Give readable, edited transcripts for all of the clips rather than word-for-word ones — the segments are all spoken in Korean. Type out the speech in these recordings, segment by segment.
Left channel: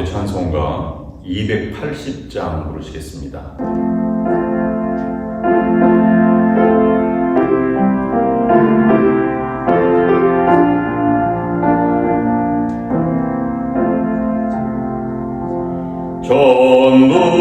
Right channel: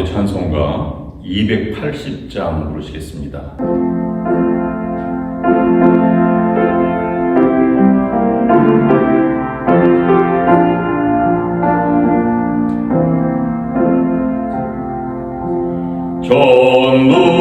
함께 찬송가 280장 부르시겠습니다. 전부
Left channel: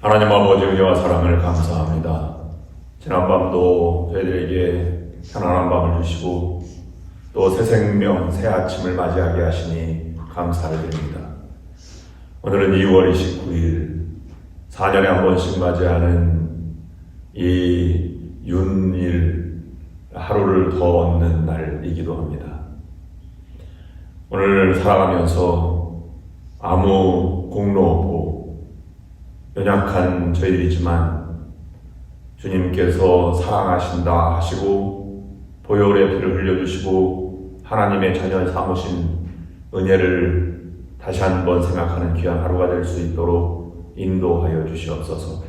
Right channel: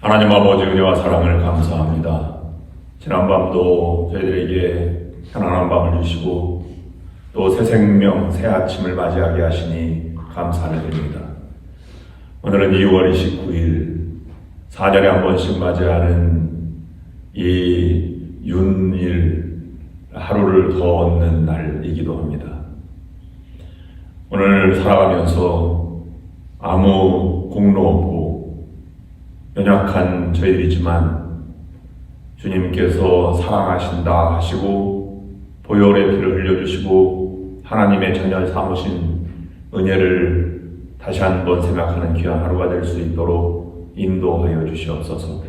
하나님 아버지 은혜와 사랑을 감사합니다. 지난밤도 저희들에게 편안한 밤을 주시고 또 새 생명, 새 아침을 맞이하게 하시니 감사를 드립니다. 오늘은 2월 29일 4년에 한 번씩 맞이하는 이 윤일 하루를 더 얻는 날이기도 합니다. 오늘 살아가면서 아무 공로 없고 연약한 저희들이지만 주님께서 사랑하신다 하시고 보혈의 피를 흘려주시고 하나님의 자녀 삼으신 은혜를 다시 한번 생각하는 귀한 하루가 될 수 있도록 인도하여 주시옵소서.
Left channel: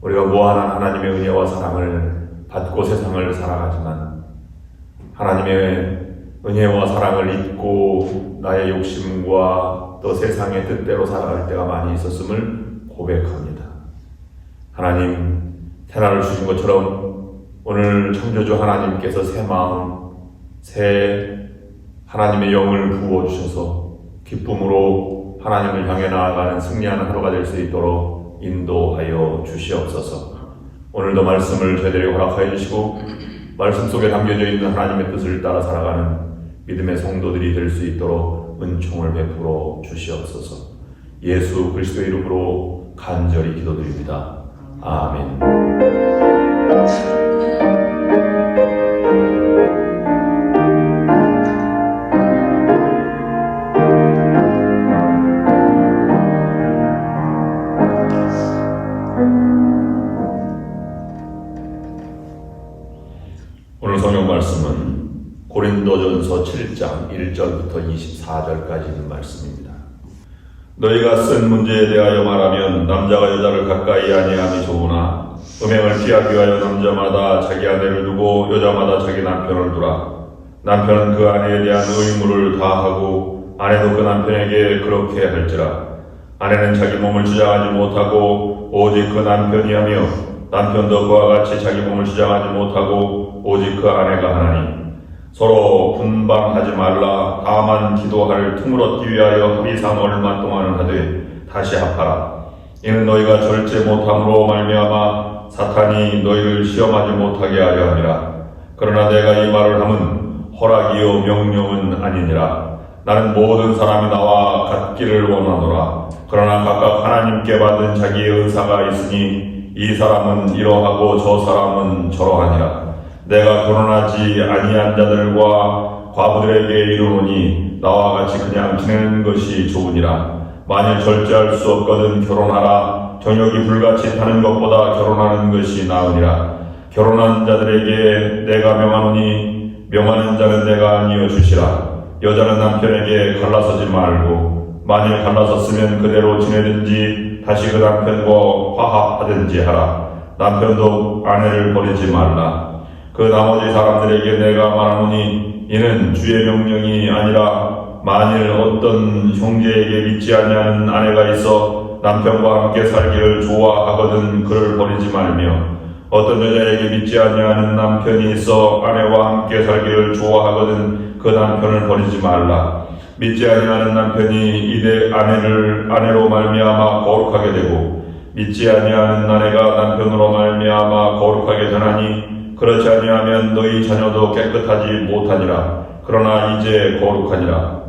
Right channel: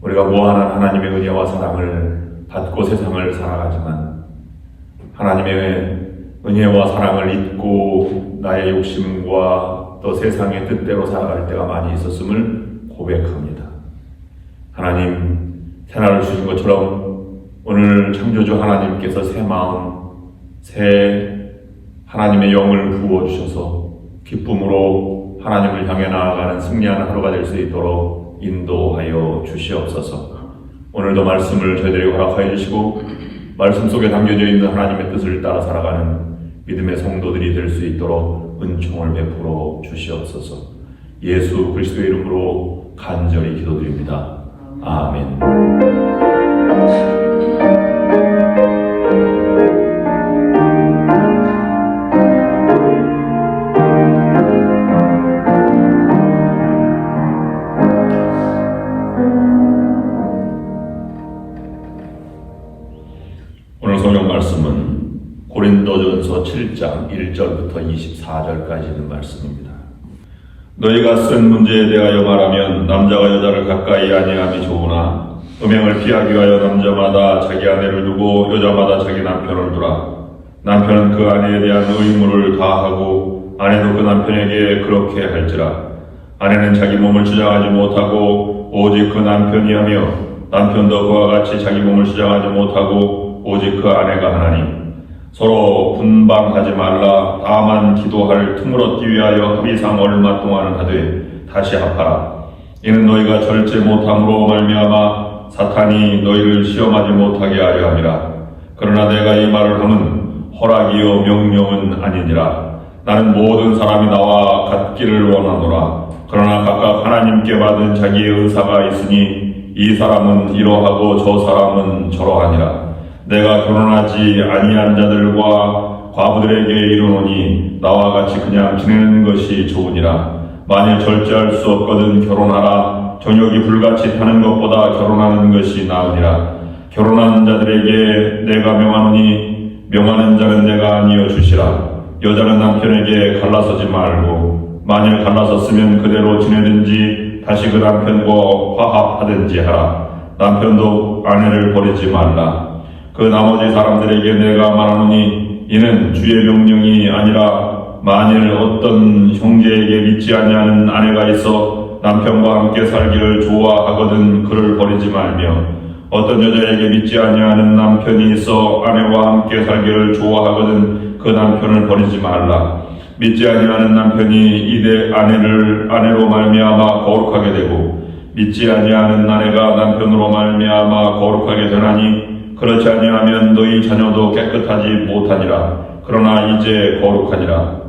우리가 무한한 하나님의 은혜와 사랑을 받고 세상을 살아가지만 하나님의 은혜와 사랑을 잊고 나의 욕심과 또 세상의 뜻대로 살아갈 때가 많이 있었음을 고백합니다. 하나님, 새날을 주신 것처럼 오늘 창조주 하나님께서 새 마음, 새 하나님의 영을 부어주셔서 기쁨으로 하나님을 향해 나아가는 승리하는 하루가 될 수 있도록 인도하여 주시옵소서. 오늘도 말씀을 저희들에게 허락하여 주시고 말씀 속에 담겨져 있는 하나님의 뜻을 따라 살아가는 믿음의 성도들이 될 수 있도록 은총을 베풀어 주시옵소서. 예수 그리스도의 이름으로 간절히 기도드립니다. 아멘. 오늘 성경 말씀은 고린도전서 7장 1절부터 24절까지 있는 말씀입니다. 너희가 쓴 문제에 대하여 말하면 남자가 여자를 가까이 아니함이 좋으나 음행을 피하기 위하여 남자마다 자기 아내를 두고 여자마다 자기 남편을 두라. 남편은 그 아내에 대한 의무를 다하고 아내도 그 남편에게 그렇게 할지라. 아내는 자기 몸을 주장하지 못하고 오직 그 남편이 하며 남편도 그와 같이 자기 몸을 주장하지 못하고 오직 그 아내가 하나니 서로 분방하지 말라. 다만 기도할 틈을 얻기 위하여 합의상 얼마 동안은 하되 다시 합하라. 이는 너희가 절제 못함으로 말미암아 사탄이 너희를 시험하지 못하게 하려 함이라. 그러나 내가 이 말을 함은 허락이요 명령은 아니니라. 나는 모든 사람이 나와 같기를 원하노라. 그러나 각각 하나님께 받은 자기의 은사가 있으니 이 사람은 이러하고 저 사람은 저러하니라. 내가 결혼하지 아니한 자들과 과부들에게 이르노니 나와 같이 그냥 지내는 것이 좋으니라. 만일 절제할 수 없거든 결혼하라. 정욕이 불같이 타는 것보다 결혼하는 것이 나으니라. 결혼하는 자들에게 내가 명하노니 명하는 자는 내가 아니여 주시라. 여자는 남편에게 갈라서지 말고 만일 갈라섰으면 그대로 지내든지 다시 그 남편과 화합하든지 하라. 남편도 아내를 버리지 말라. 그 나머지 사람들에게 내가 말하노니 이는 주의 명령이 아니라 만일 어떤 형제에게 믿지 아니하는 아내가 있어 남편과 함께 살기를 좋아하거든 그를 버리지 말며 어떤 여자에게 믿지 아니하는 남편이 있어 아내와 함께 살기를 좋아하거든 그 남편을 버리지 말라. 믿지 아니하는 남편이 이내 아내로 말미암아 거룩하게 되고 믿지 아니하는 아내가 남편으로 말미암아 거룩하게 되나니 그렇지 아니하면 너희 자녀도 깨끗하지 못하니라. 그러나 이제 거룩하니라.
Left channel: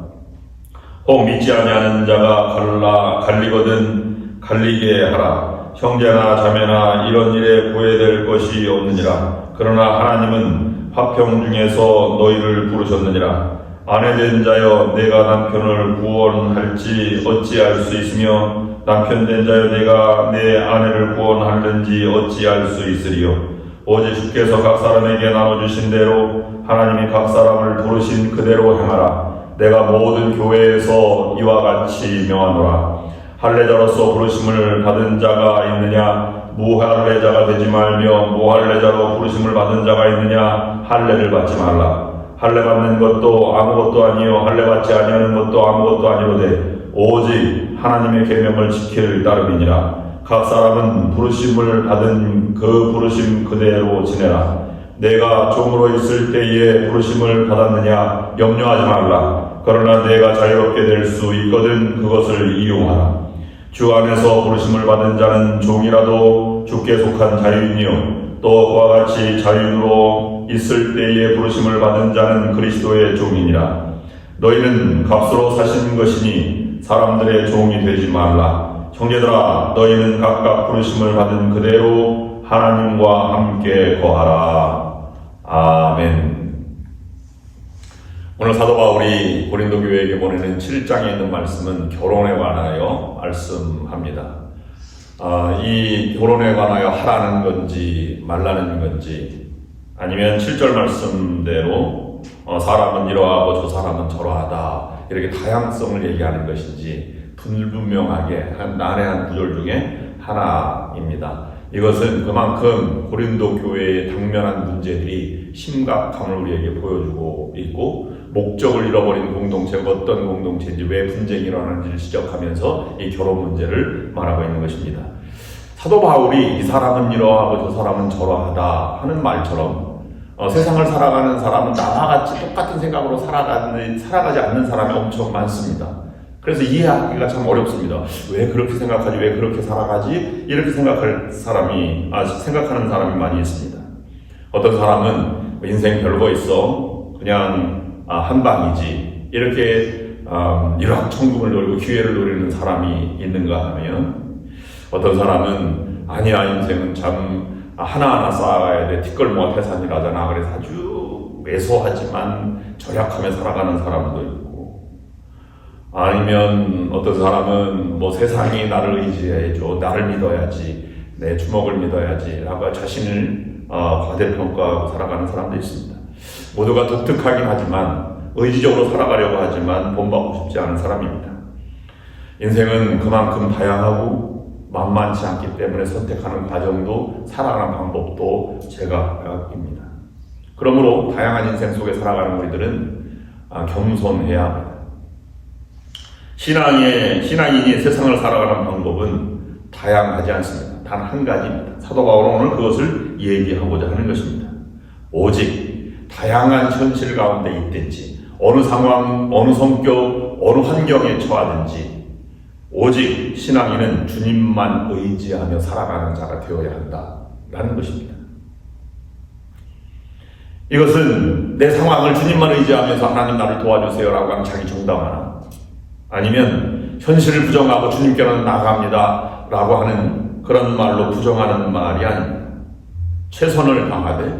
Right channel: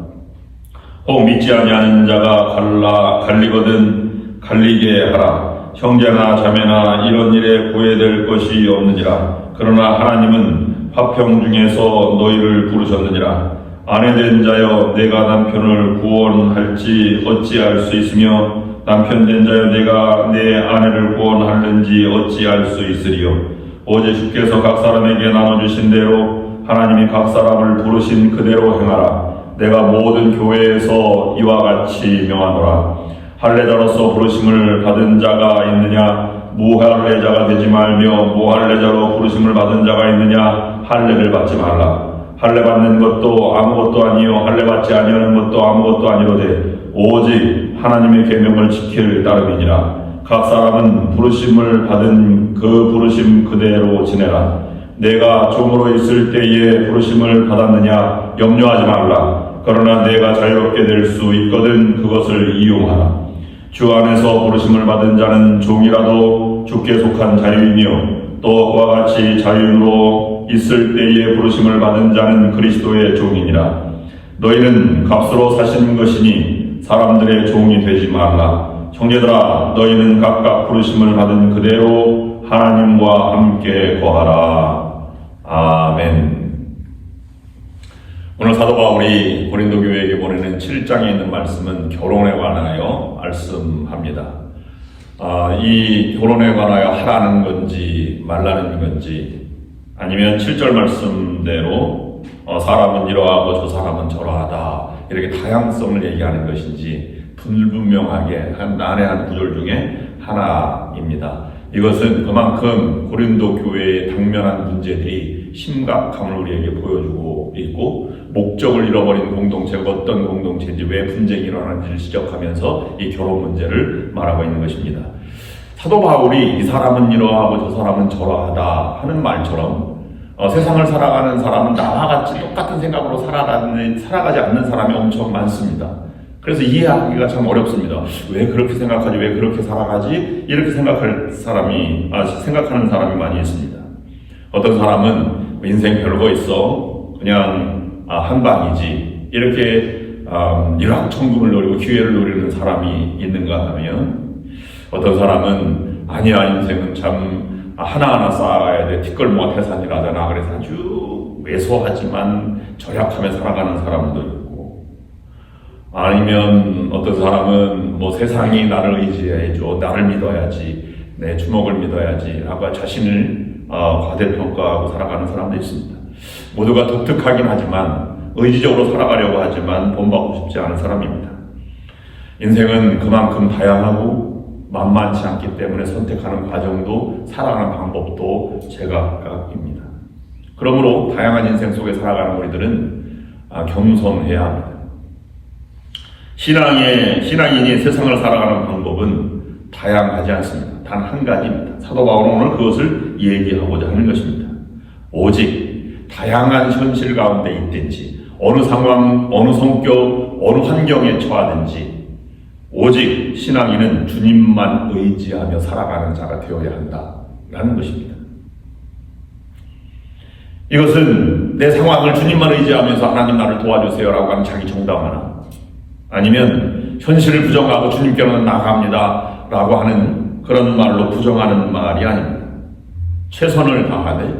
혹 믿지 아니하는 자가 갈리거든 갈리게 하라. 형제나 자매나 이런 일에 구애될 것이 없느니라. 그러나 하나님은 화평 중에서 너희를 부르셨느니라. 아내된 자여 내가 남편을 구원할지 어찌할 수 있으며 남편된 자여 내가 내 아내를 구원하는지 어찌할 수 있으리요. 오직 주께서 각 사람에게 나눠주신 대로 하나님이 각 사람을 부르신 그대로 행하라. 내가 모든 교회에서 이와 같이 명하노라. 할례자로서 부르심을 받은 자가 있느냐? 무할례자가 되지 말며 무할례자로 부르심을 받은 자가 있느냐? 할례를 받지 말라. 할례 받는 것도 아무것도 아니요 할례 받지 아니하는 것도 아무것도 아니로되 오직 하나님의 계명을 지킬 따름이니라. 각 사람은 부르심을 받은 그 부르심 그대로 지내라. 내가 종으로 있을 때에 부르심을 받았느냐? 염려하지 말라. 그러나 내가 자유롭게 될 수 있거든 그것을 이용하라. 주 안에서 부르심을 받은 자는 종이라도 주께 속한 자유이며 또 그와 같이 자유로 있을 때에 부르심을 받은 자는 그리스도의 종이니라. 너희는 값으로 사신 것이니 사람들의 종이 되지 말라. 형제들아 너희는 각각 부르심을 받은 그대로 하나님과 함께 거하라. 아멘. 오늘 사도 바울이 고린도 교회에게 보내는 7장에 있는 말씀은 결혼에 관하여 말씀합니다. 이 결혼에 관하여 하라는 건지 말라는 건지 아니면 7절 말씀대로 사람은 이러하고 저 사람은 저러하다 이렇게 다양성을 얘기하는 것인지 불분명하게 난해 한 구절 중에 하나입니다. 이것은 그만큼 고린도 교회의 당면한 문제들이 심각함을 우리에게 보여주고 있고 목적을 잃어버린 공동체가 어떤 공동체인지 왜 분쟁이 일어나는지를 지적하면서 이 결혼 문제를 말하고 있는 것입니다. 사도 바울이 이 사람은 이러하고 저 사람은 저러하다 하는 말처럼 세상을 살아가는 사람은 나와 같이 똑같은 생각으로 살아가지 않는 사람이 엄청 많습니다. 그래서 이해하기가 참 어렵습니다. 왜 그렇게 생각하지? 왜 그렇게 살아가지? 이렇게 생각하는 사람이 많이 있습니다. 어떤 사람은 인생 별거 있어. 그냥 한방이지. 이렇게 일확천금을 노리고 기회를 노리는 사람이 있는가 하면 어떤 사람은 아니야 인생은 참 하나하나 쌓아가야 돼. 뒷걸모가 태산이라잖아. 그래서 아주 왜소하지만 절약하며 살아가는 사람도 있고 아니면 어떤 사람은 세상이 나를 의지해줘. 나를 믿어야지. 내 주먹을 믿어야지. 라고 자신을 과대평가하고 살아가는 사람도 있습니다. 모두가 독특하긴 하지만 의지적으로 살아가려고 하지만 본받고 싶지 않은 사람입니다. 인생은 그만큼 다양하고 만만치 않기 때문에 선택하는 과정도 살아가는 방법도 제각각입니다. 그러므로 다양한 인생 속에 살아가는 우리들은 겸손해야 합니다. 신앙인이 세상을 살아가는 방법은 다양하지 않습니다. 단 한 가지입니다. 사도 바울은 오늘 그것을 얘기하고자 하는 것입니다. 오직 다양한 현실 가운데 있든지 어느 상황, 어느 성격, 어느 환경에 처하든지 오직 신앙인은 주님만 의지하며 살아가는 자가 되어야 한다라는 것입니다. 이것은 내 상황을 주님만 의지하면서 하나님 나를 도와주세요라고 하는 자기 정당화나 아니면 현실을 부정하고 주님께로는 나아갑니다 라고 하는 그런 말로 부정하는 말이 아닙니다. 최선을 다하되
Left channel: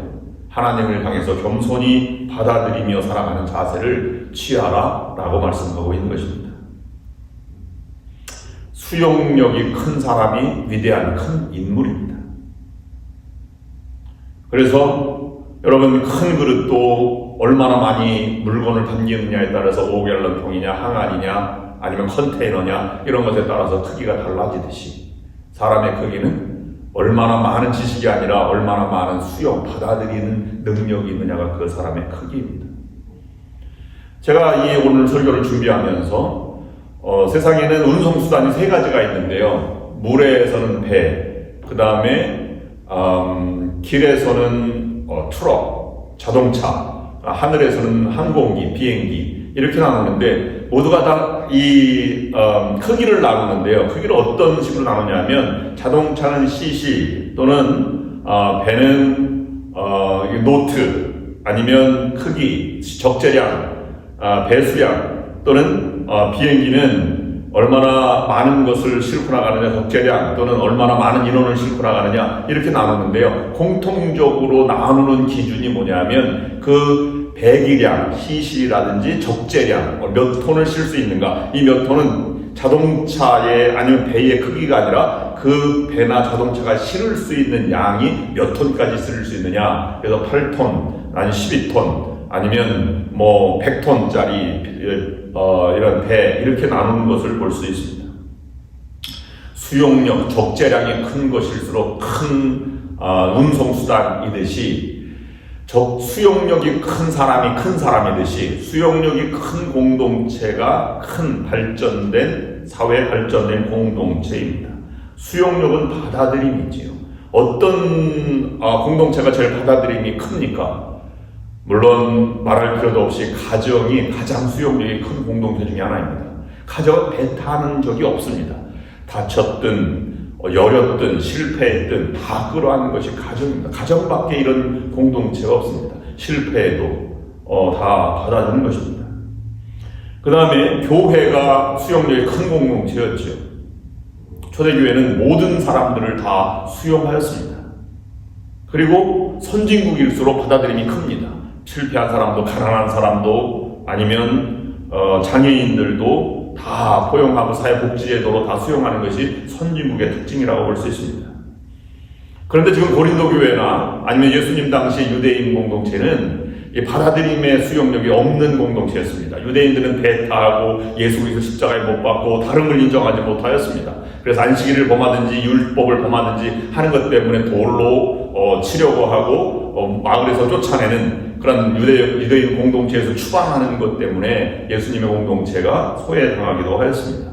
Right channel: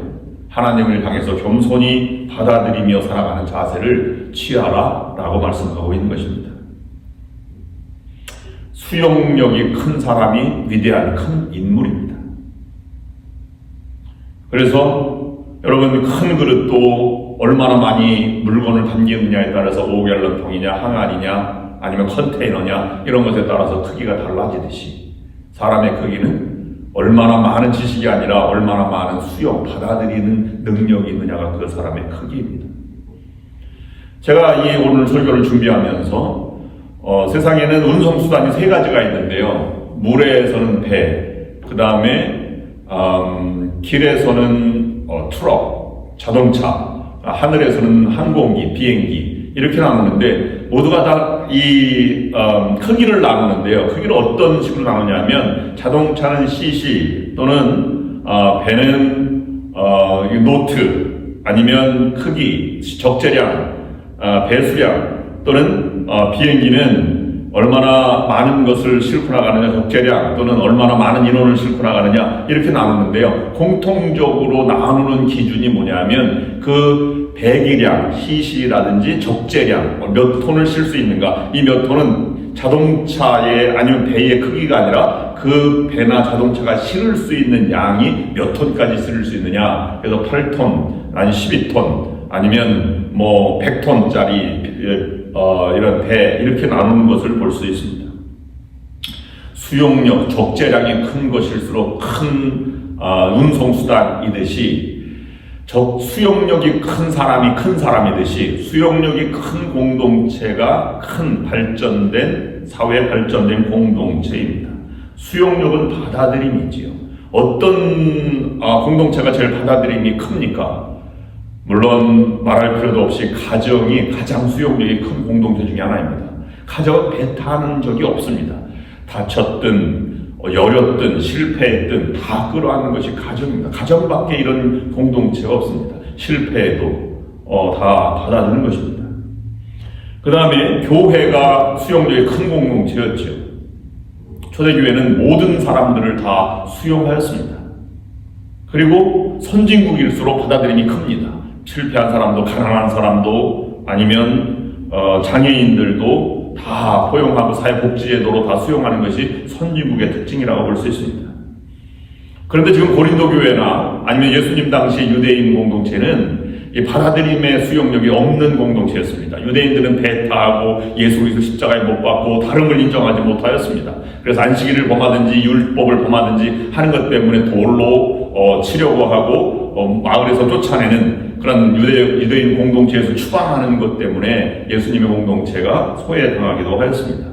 하나님을 향해서 겸손히 받아들이며 살아가는 자세를 취하라 라고 말씀하고 있는 것입니다. 수용력이 큰 사람이 위대한 큰 인물입니다. 그래서 여러분, 큰 그릇도 얼마나 많이 물건을 담기느냐에 따라서 5갤런 통이냐 항아리냐 아니면 컨테이너냐 이런 것에 따라서 크기가 달라지듯이 사람의 크기는 얼마나 많은 지식이 아니라 얼마나 많은 수용, 받아들이는 능력이 있느냐가 그 사람의 크기입니다. 제가 이 오늘 설교를 준비하면서 세상에는 운송수단이 3가지가 있는데요. 물에서는 배, 그 다음에 길에서는 트럭, 자동차, 하늘에서는 항공기, 비행기 이렇게 나누는데 모두가 다 이 크기를 나누는데요. 크기를 어떤 식으로 나누냐면 자동차는 cc 또는 배는 노트 아니면 크기, 적재량, 배수량 또는 비행기는 얼마나 많은 것을 싣고 나가느냐, 적재량 또는 얼마나 많은 인원을 싣고 나가느냐 이렇게 나누는데요. 공통적으로 나누는 기준이 뭐냐면 그 배기량, cc라든지 적재량, 몇 톤을 실 수 있는가, 이 몇 톤은 자동차의 아니면 배의 크기가 아니라 그 배나 자동차가 실을 수 있는 양이 몇 톤까지 실을 수 있느냐. 그래서 8톤, 아니 12톤, 아니면 뭐 100톤짜리 이런 배 이렇게 나누는 것을 볼 수 있습니다. 수용력, 적재량이 큰 것일수록 큰 운송수단이듯이 수용력이 큰 사람이 큰 사람이듯이 수용력이 큰 공동체가 큰 발전된 사회 발전된 공동체입니다. 수용력은 받아들임이지요. 어떤 공동체가 제일 받아들임이 큽니까? 물론 말할 필요도 없이 가정이 가장 수용력이 큰 공동체 중에 하나입니다. 가정은 배타는 적이 없습니다. 다쳤든 여렸든 실패했든 다 끌어안는 것이 가정입니다. 가정밖에 이런 공동체가 없습니다. 실패해도 다 받아주는 것입니다. 그 다음에 교회가 수용력이 큰 공동체였죠. 초대교회는 모든 사람들을 다 수용하였습니다. 그리고 선진국일수록 받아들임이 큽니다. 실패한 사람도 가난한 사람도 아니면 장애인들도 다 포용하고 사회복지제도로 다 수용하는 것이 선진국의 특징이라고 볼 수 있습니다. 그런데 지금 고린도 교회나 아니면 예수님 당시 유대인 공동체는 이 받아들임의 수용력이 없는 공동체였습니다. 유대인들은 배타하고 예수 그리스도 십자가에 못 박고 다른 걸 인정하지 못하였습니다. 그래서 안식일을 범하든지 율법을 범하든지 하는 것 때문에 돌로 치려고 하고 마을에서 쫓아내는 그런 유대인 공동체에서 추방하는 것 때문에 예수님의 공동체가 소외당하기도 하였습니다.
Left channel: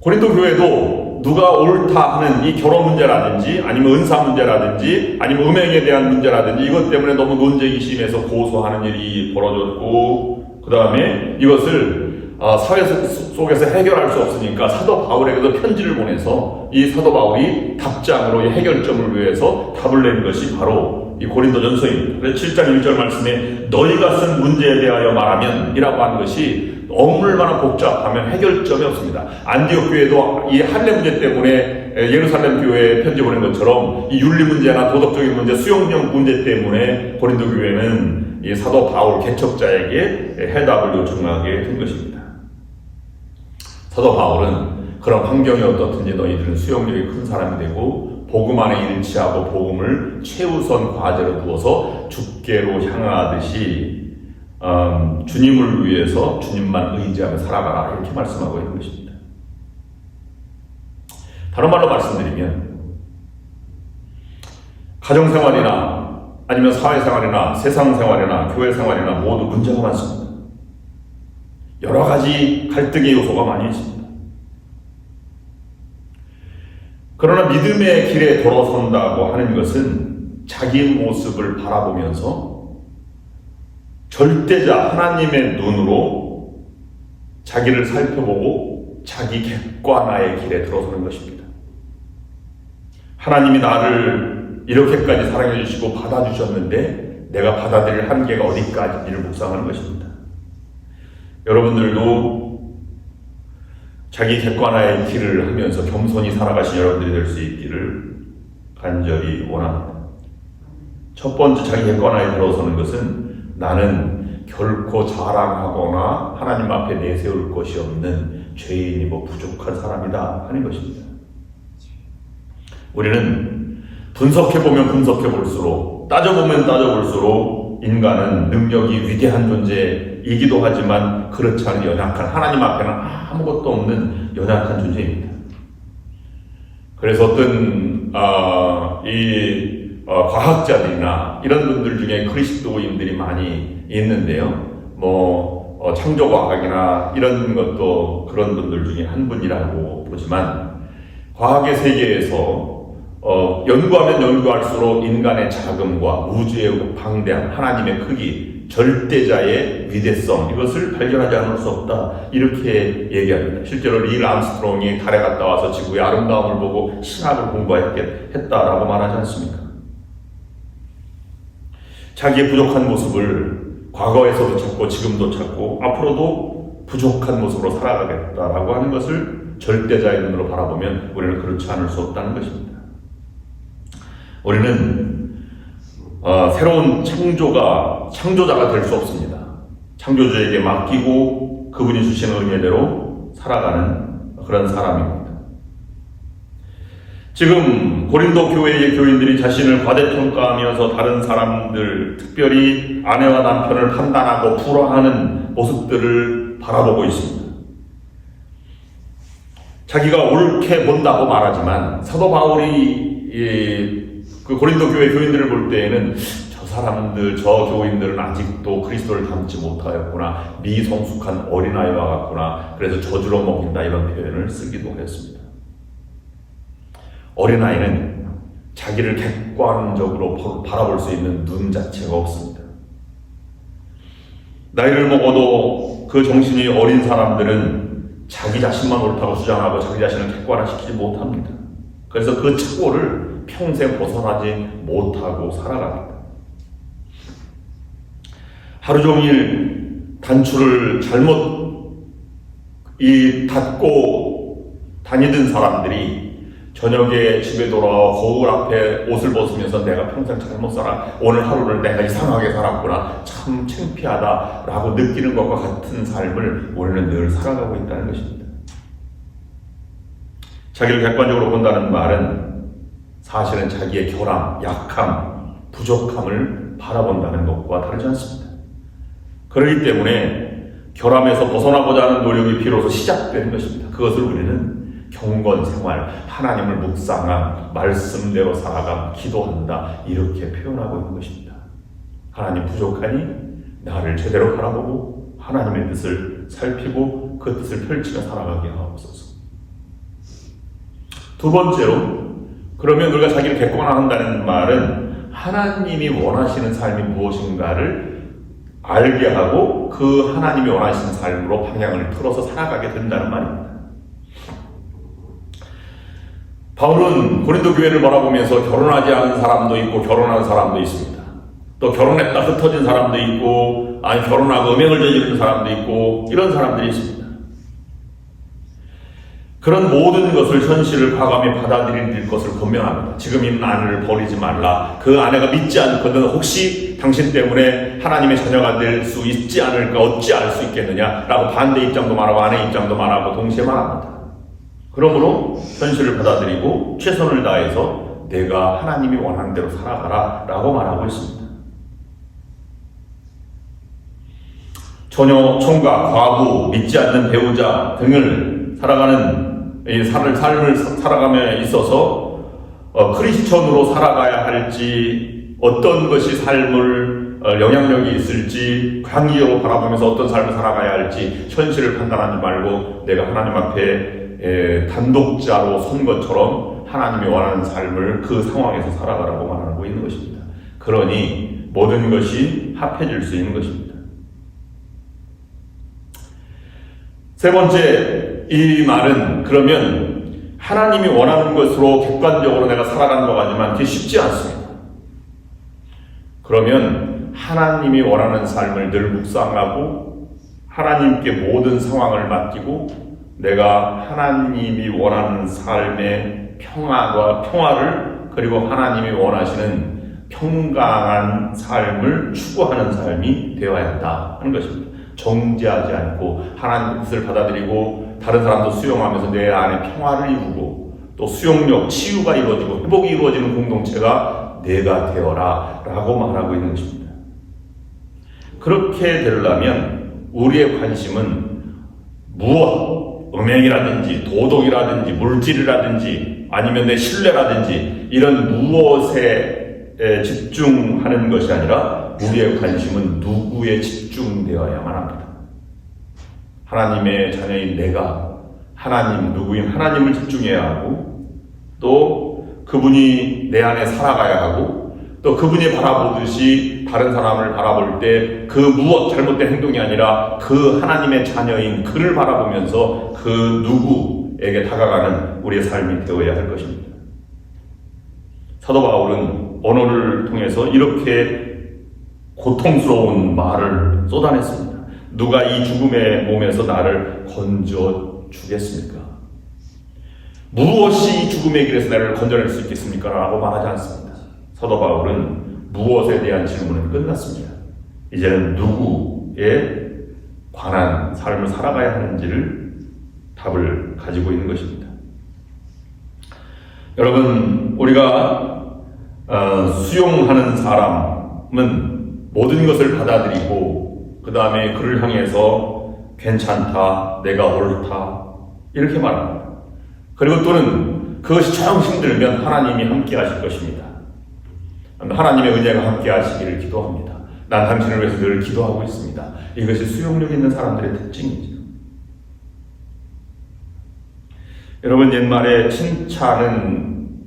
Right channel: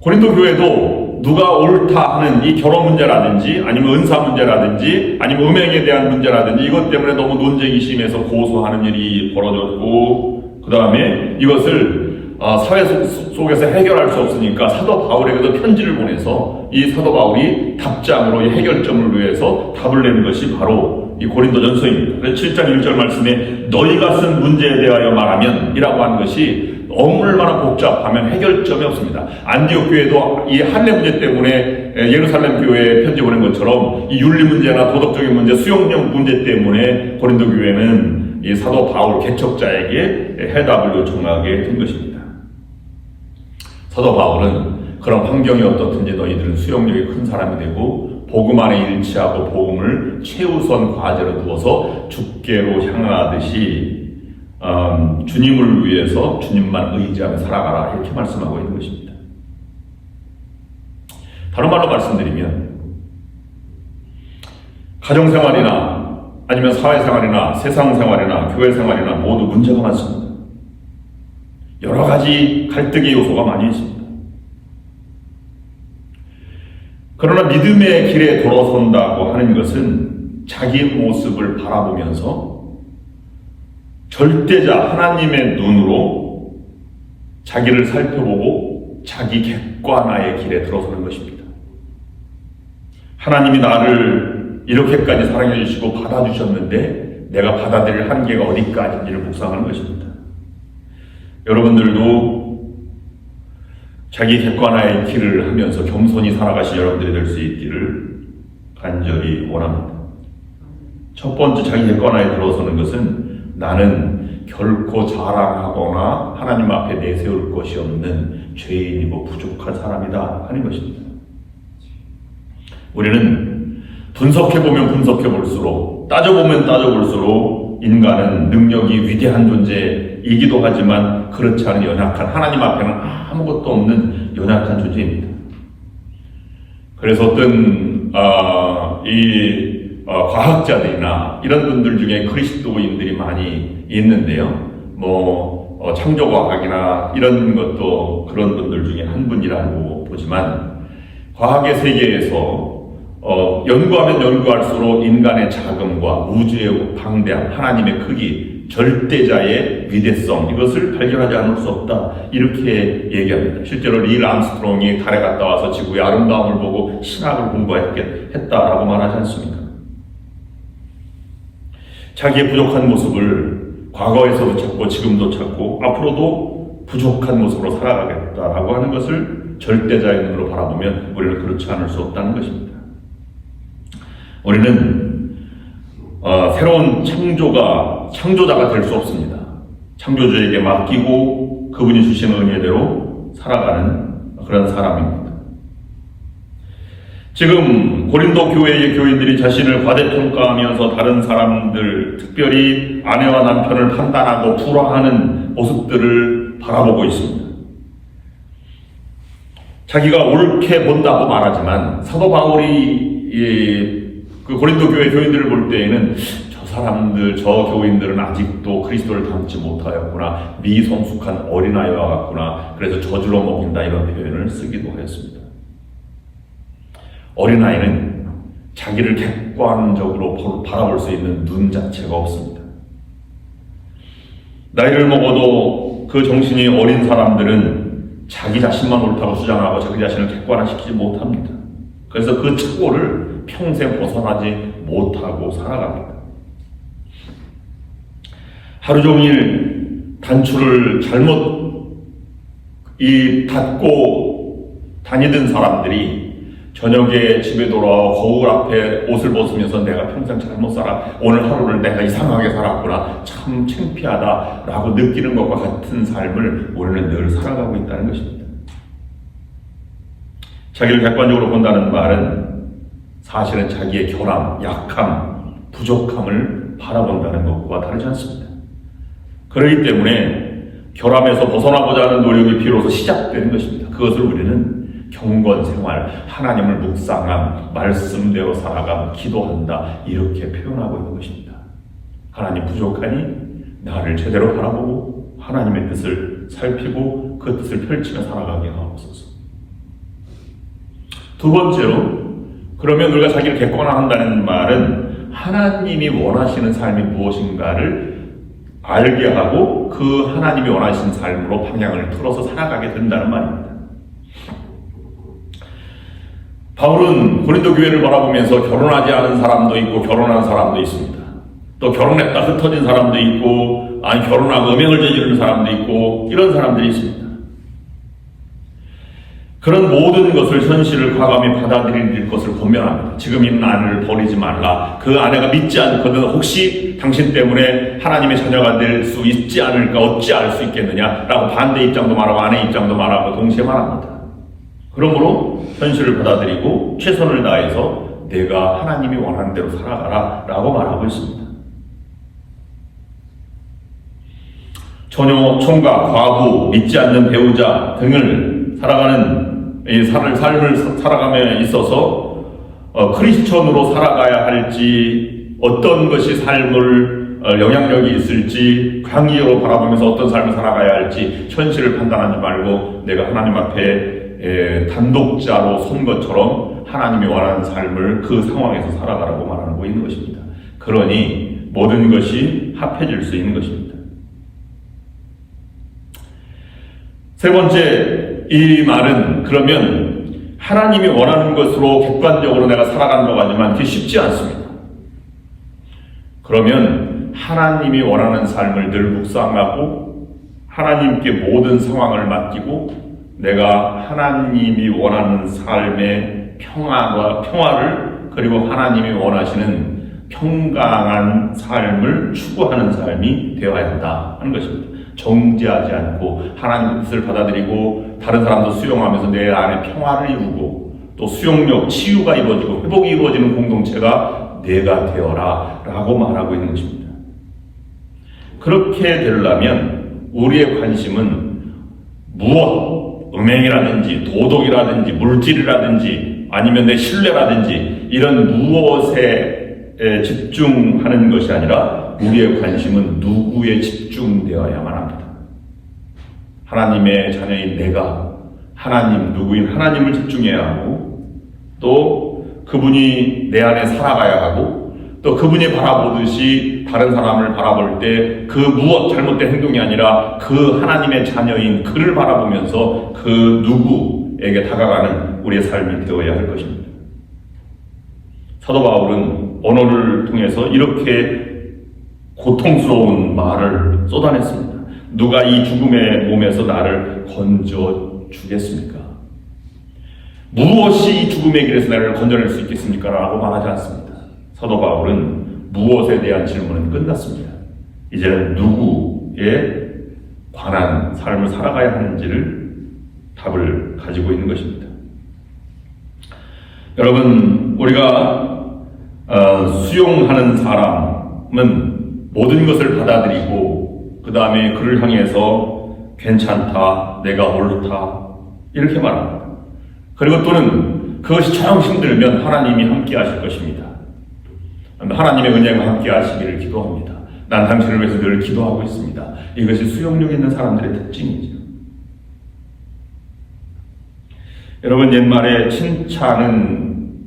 고린도 교회도 누가 옳다 하는 이 결혼 문제라든지 아니면 은사 문제라든지 아니면 음행에 대한 문제라든지 이것 때문에 너무 논쟁이 심해서 고소하는 일이 벌어졌고 그 다음에 이것을 사회 속에서 해결할 수 없으니까 사도 바울에게도 편지를 보내서 이 사도 바울이 답장으로 이 해결점을 위해서 답을 내는 것이 바로 이 고린도전서입니다. 그래서 7장 1절 말씀에 너희가 쓴 문제에 대하여 말하면 이라고 하는 것이 얼마나 복잡하면 해결점이 없습니다. 안디옥 교회도 이 할례 문제 때문에 예루살렘 교회에 편지 보낸 것처럼 이 윤리 문제나 도덕적인 문제, 수용력 문제 때문에 고린도 교회는 이 사도 바울 개척자에게 해답을 요청하게 된 것입니다. 사도 바울은 그런 환경이 어떻든지 너희들은 수용력이 큰 사람이 되고 복음 안에 일치하고 복음을 최우선 과제로 두어서 주께로 향하듯이 주님을 위해서 주님만 의지하며 살아가라 이렇게 말씀하고 있는 것입니다. 다른 말로 말씀드리면 가정생활이나 아니면 사회생활이나 세상생활이나 교회생활이나 모두 문제가 많습니다. 여러 가지 갈등의 요소가 많이 있습니다. 그러나 믿음의 길에 돌아선다고 하는 것은 자기 모습을 바라보면서 절대자 하나님의 눈으로 자기를 살펴보고 자기 객관화의 길에 들어서는 것입니다. 하나님이 나를 이렇게까지 사랑해 주시고 받아주셨는데 내가 받아들일 한계가 어디까지인지를 묵상하는 것입니다. 여러분들도 자기 객관화의 길을 하면서 겸손히 살아가신 여러분들이 될 수 있기를 간절히 원합니다. 첫 번째 자기 객관화에 들어서는 것은 나는 결코 자랑하거나 하나님 앞에 내세울 것이 없는 죄인이고 부족한 사람이다 하는 것입니다. 우리는 분석해보면 분석해볼수록, 따져보면 따져볼수록 인간은 능력이 위대한 존재이기도 하지만 그렇지 않은 연약한, 하나님 앞에는 아무것도 없는 연약한 존재입니다. 그래서 어떤 과학자들이나 이런 분들 중에 그리스도인들이 많이 있는데요. 창조과학이나 이런 것도 그런 분들 중에 한 분이라고 보지만, 과학의 세계에서 연구하면 연구할수록 인간의 자금과 우주의 방대한 하나님의 크기, 절대자의 위대성, 이것을 발견하지 않을 수 없다, 이렇게 얘기합니다. 실제로 닐 암스트롱이 달에 갔다 와서 지구의 아름다움을 보고 신학을 공부했다라고 말하지 않습니까? 자기의 부족한 모습을 과거에서도 찾고 지금도 찾고 앞으로도 부족한 모습으로 살아가겠다라고 하는 것을 절대자의 눈으로 바라보면 우리는 그렇지 않을 수 없다는 것입니다. 우리는 새로운 창조자가 될 수 없습니다. 창조주에게 맡기고 그분이 주시는 은혜대로 살아가는 그런 사람입니다. 지금 고린도 교회의 교인들이 자신을 과대평가하면서 다른 사람들, 특별히 아내와 남편을 판단하고 불화하는 모습들을 바라보고 있습니다. 자기가 옳게 본다고 말하지만 사도 바울이 그 고린도 교회 교인들을 볼 때에는 저 사람들, 저 교인들은 아직도 그리스도를 닮지 못하였구나, 미성숙한 어린아이와 같구나, 그래서 저주로 먹인다, 이런 표현을 쓰기도 하였습니다. 어린아이는 자기를 객관적으로 바라볼 수 있는 눈 자체가 없습니다. 나이를 먹어도 그 정신이 어린 사람들은 자기 자신만 옳다고 주장하고 자기 자신을 객관화시키지 못합니다. 그래서 그 착오를 평생 벗어나지 못하고 살아갑니다. 하루 종일 단추를 잘못 닫고 다니던 사람들이 저녁에 집에 돌아와 거울 앞에 옷을 벗으면서 내가 평생 잘못 오늘 하루를 내가 이상하게 살았구나, 참 창피하다 라고 느끼는 것과 같은 삶을 우리는 늘 살아가고 있다는 것입니다. 자기를 객관적으로 본다는 말은 사실은 자기의 결함, 약함, 부족함을 바라본다는 것과 다르지 않습니다. 그렇기 때문에 결함에서 벗어나고자 하는 노력이 비로소 시작되는 것입니다. 그것을 우리는 경건 생활, 하나님을 묵상함, 말씀대로 살아감, 기도한다, 이렇게 표현하고 있는 것입니다. 하나님 부족하니 나를 제대로 바라보고 하나님의 뜻을 살피고 그 뜻을 펼치며 살아가게 하옵소서. 두 번째로, 그러면 우리가 자기를 객관화한다는 말은 하나님이 원하시는 삶이 무엇인가를 알게 하고 그 하나님이 원하시는 삶으로 방향을 틀어서 살아가게 된다는 말입니다. 바울은 고린도 교회를 바라보면서 결혼하지 않은 사람도 있고 결혼한 사람도 있습니다. 또 결혼했다 흩어진 사람도 있고, 결혼하고 음행을 저지르는 사람도 있고, 이런 사람들이 있습니다. 그런 모든 것을, 현실을 과감히 받아들일 것을 권면합니다. 지금 있는 아내를 버리지 말라. 그 아내가 믿지 않거든 혹시 당신 때문에 하나님의 자녀가 될 수 있지 않을까, 어찌 알 수 있겠느냐 라고 반대 입장도 말하고 아내 입장도 말하고 동시에 말합니다. 그러므로 현실을 받아들이고 최선을 다해서 내가 하나님이 원하는 대로 살아가라 라고 말하고 있습니다. 처녀, 총각, 과부, 믿지 않는 배우자 등을 살아가는 삶을 살아감에 있어서 크리스천으로 살아가야 할지, 어떤 것이 삶을 영향력이 있을지, 광의로 바라보면서 어떤 삶을 살아가야 할지 현실을 판단하지 말고 내가 하나님 앞에 단독자로 선 것처럼 하나님이 원하는 삶을 그 상황에서 살아가라고 말하고 있는 것입니다. 그러니 모든 것이 합해질 수 있는 것입니다. 세 번째, 이 말은 그러면 하나님이 원하는 것으로 객관적으로 내가 살아간다고 하지만 그게 쉽지 않습니다. 그러면 하나님이 원하는 삶을 늘 묵상하고 하나님께 모든 상황을 맡기고 내가 하나님이 원하는 삶의 평화를 그리고 하나님이 원하시는 평강한 삶을 추구하는 삶이 되어야 한다 하는 것입니다. 정죄하지 않고 하나님의 뜻을 받아들이고 다른 사람도 수용하면서 내 안에 평화를 이루고 또 수용력, 치유가 이루어지고 회복이 이루어지는 공동체가 내가 되어라 라고 말하고 있는 것입니다. 그렇게 되려면 우리의 관심은 무엇, 음행이라든지 도덕이라든지 물질이라든지 아니면 내 신뢰라든지 이런 무엇에 집중하는 것이 아니라 우리의 관심은 누구에 집중되어야만 합니다. 하나님의 자녀인 내가 하나님, 누구인 하나님을 집중해야 하고 또 그분이 내 안에 살아가야 하고 또 그분이 바라보듯이 다른 사람을 바라볼 때 그 무엇 잘못된 행동이 아니라 그 하나님의 자녀인 그를 바라보면서 그 누구에게 다가가는 우리의 삶이 되어야 할 것입니다. 사도 바울은 언어를 통해서 이렇게 고통스러운 말을 쏟아냈습니다. 누가 이 죽음의 몸에서 나를 건져 주겠습니까? 무엇이 이 죽음의 길에서 나를 건져낼 수 있겠습니까? 라고 말하지 않습니다. 사도 바울은 무엇에 대한 질문은 끝났습니다. 이제는 누구에 관한 삶을 살아가야 하는지를 답을 가지고 있는 것입니다. 여러분, 우리가 수용하는 사람은 모든 것을 받아들이고 그 다음에 그를 향해서 괜찮다, 내가 옳다 이렇게 말합니다. 그리고 또는 그것이 정 힘들면 하나님이 함께 하실 것입니다. 하나님의 은혜가 함께 하시기를 기도합니다. 난 당신을 위해서 늘 기도하고 있습니다. 이것이 수용력 있는 사람들의 특징이죠. 여러분, 옛말에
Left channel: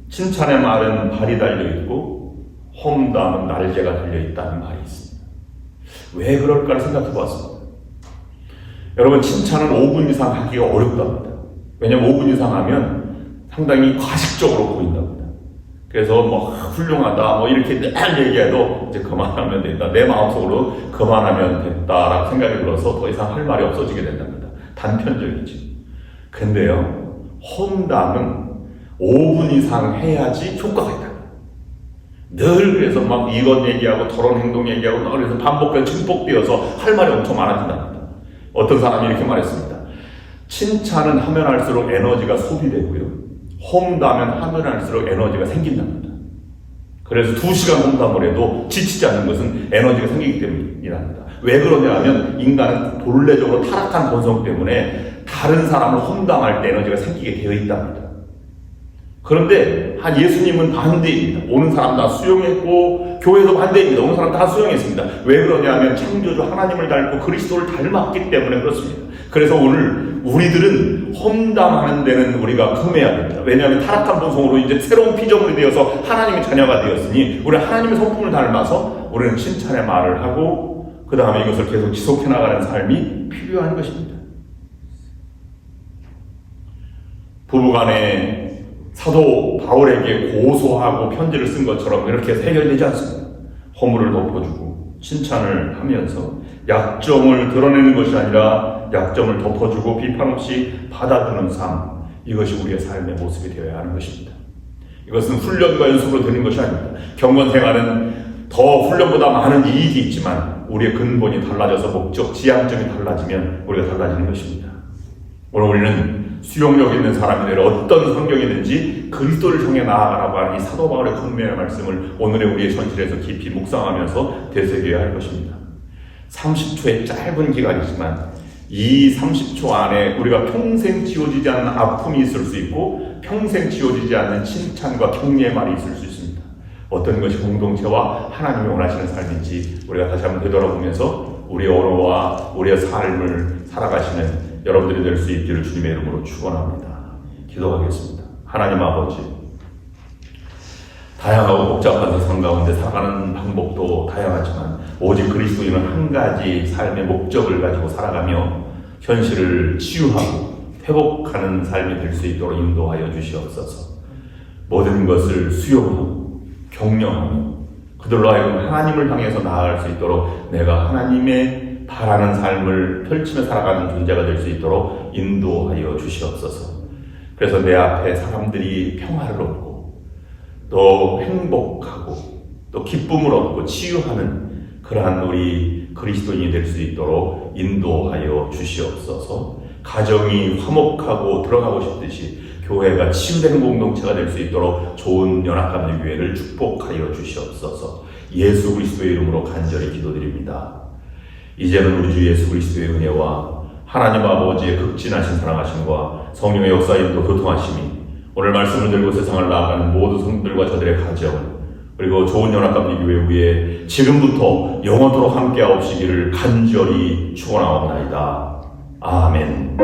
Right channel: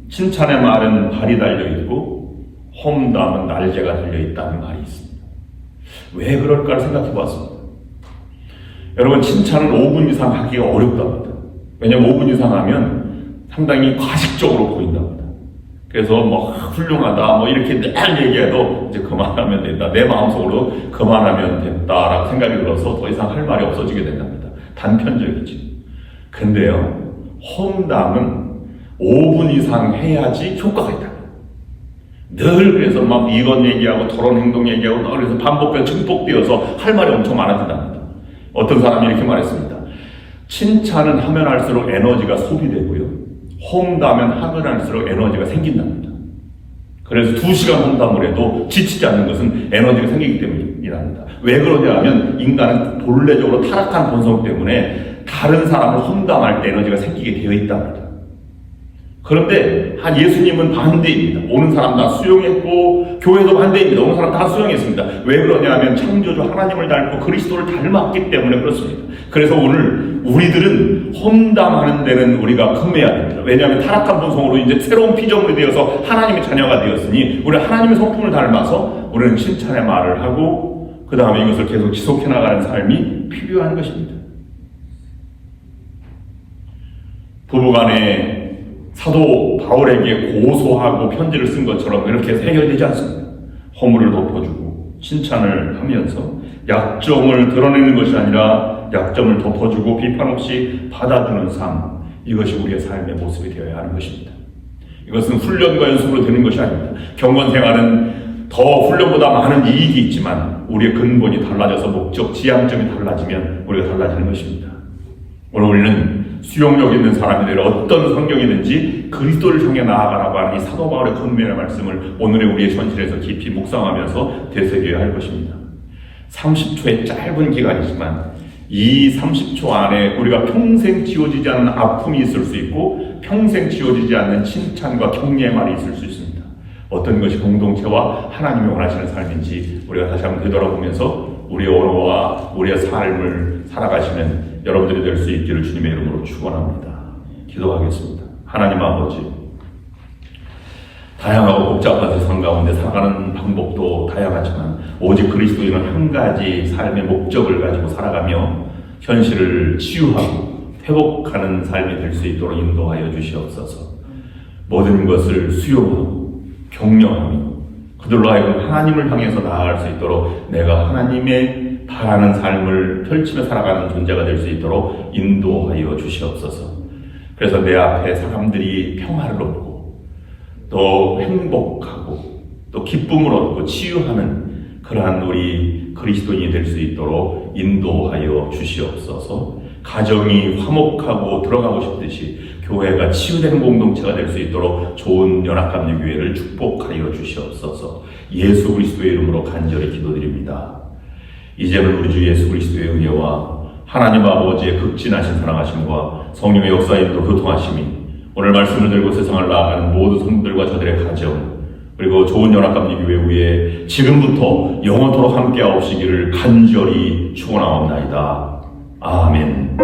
칭찬의 말은 발이 달려있고 험담은 날개가 달려있다는 말이 있습니다. 왜 그럴까를 생각해 보았습니다. 여러분, 칭찬은 5분 이상 하기가 어렵답니다. 왜냐하면 5분 이상 하면 상당히 과식적으로 보인답니다. 그래서 훌륭하다 이렇게 늘 얘기해도 이제 그만하면 된다. 내 마음속으로 그만하면 됐다라고 생각이 들어서 더 이상 할 말이 없어지게 된답니다. 단편적이지. 근데요, 험담은 5분 이상 해야지 효과가 있다. 늘 그래서 이건 얘기하고 토론 행동 얘기하고 그래서 반복되어 증폭되어서 할 말이 엄청 많아진답니다. 어떤 사람이 이렇게 말했습니다. 칭찬은 하면 할수록 에너지가 소비되고요. 험담은 하면 할수록 에너지가 생긴답니다. 그래서 2시간 험담을 해도 지치지 않는 것은 에너지가 생기기 때문이랍니다. 왜 그러냐 하면 인간은 본래적으로 타락한 본성 때문에 다른 사람을 험담할 때 에너지가 생기게 되어 있답니다. 그런데 예수님은 반대입니다. 오는 사람 다 수용했고 교회도 반대입니다. 오는 사람 다 수용했습니다. 왜 그러냐 하면 창조주 하나님을 닮고 그리스도를 닮았기 때문에 그렇습니다. 그래서 오늘 우리들은 험담하는 데는 우리가 금해야 됩니다. 왜냐하면 타락한 본성으로 이제 새로운 피조물이 되어서 하나님의 자녀가 되었으니 우리는 하나님의 성품을 닮아서 우리는 칭찬의 말을 하고 그 다음에 이것을 계속 지속해 나가는 삶이 필요한 것입니다. 부부간에 사도 바울에게 고소하고 편지를 쓴 것처럼 이렇게 해결되지 않습니다. 허물을 덮어주고 칭찬을 하면서 약점을 드러내는 것이 아니라 약점을 덮어주고 비판 없이 받아주는 삶, 이것이 우리의 삶의 모습이 되어야 하는 것입니다. 이것은 훈련과 연습으로 되는 것이 아닙니다. 경건 생활은 더 훈련보다 많은 이익이 있지만 우리의 근본이 달라져서 목적, 지향점이 달라지면 우리가 달라지는 것입니다. 오늘 우리는 수용력 있는 사람이 되려 어떤 환경이든지 그리스도를 향해 나아가라고 하는 이 사도 바울의 권면의 말씀을 오늘의 우리의 현실에서 깊이 묵상하면서 되새겨야 할 것입니다. 30초의 짧은 기간이지만 이 30초 안에 우리가 평생 지워지지 않는 아픔이 있을 수 있고 평생 지워지지 않는 칭찬과 격려의 말이 있을 수 있습니다. 어떤 것이 공동체와 하나님이 원하시는 삶인지 우리가 다시 한번 되돌아보면서 우리의 언어와 우리의 삶을 살아가시는 여러분들이 될 수 있기를 주님의 이름으로 축원합니다. 기도하겠습니다. 하나님 아버지, 다양하고 복잡한 세상 가운데 살아가는 방법도 다양하지만 오직 그리스도인은 한 가지 삶의 목적을 가지고 살아가며 현실을 치유하고 회복하는 삶이 될 수 있도록 인도하여 주시옵소서. 모든 것을 수용하고 격려하며 그들로 하여금 하나님을 향해서 나아갈 수 있도록 내가 하나님의 바라는 삶을 펼치며 살아가는 존재가 될 수 있도록 인도하여 주시옵소서. 그래서 내 앞에 사람들이 평화를 얻고 또 행복하고 또 기쁨을 얻고 치유하는 그러한 우리 그리스도인이 될 수 있도록 인도하여 주시옵소서. 가정이 화목하고 들어가고 싶듯이 교회가 치유되는 공동체가 될 수 있도록 좋은 연합감리교회를 축복하여 주시옵소서. 예수 그리스도의 이름으로 간절히 기도드립니다. 이제는 우리 주 예수 그리스도의 은혜와 하나님 아버지의 극진하신 사랑하심과 성령의 역사임도 교통하심이 오늘 말씀을 들고 세상을 나아가는 모든 성도들과 저들의 가정 그리고 좋은 연합감리교회 위에 지금부터 영원토록 함께하옵시기를 간절히 축원하옵나이다. 아멘.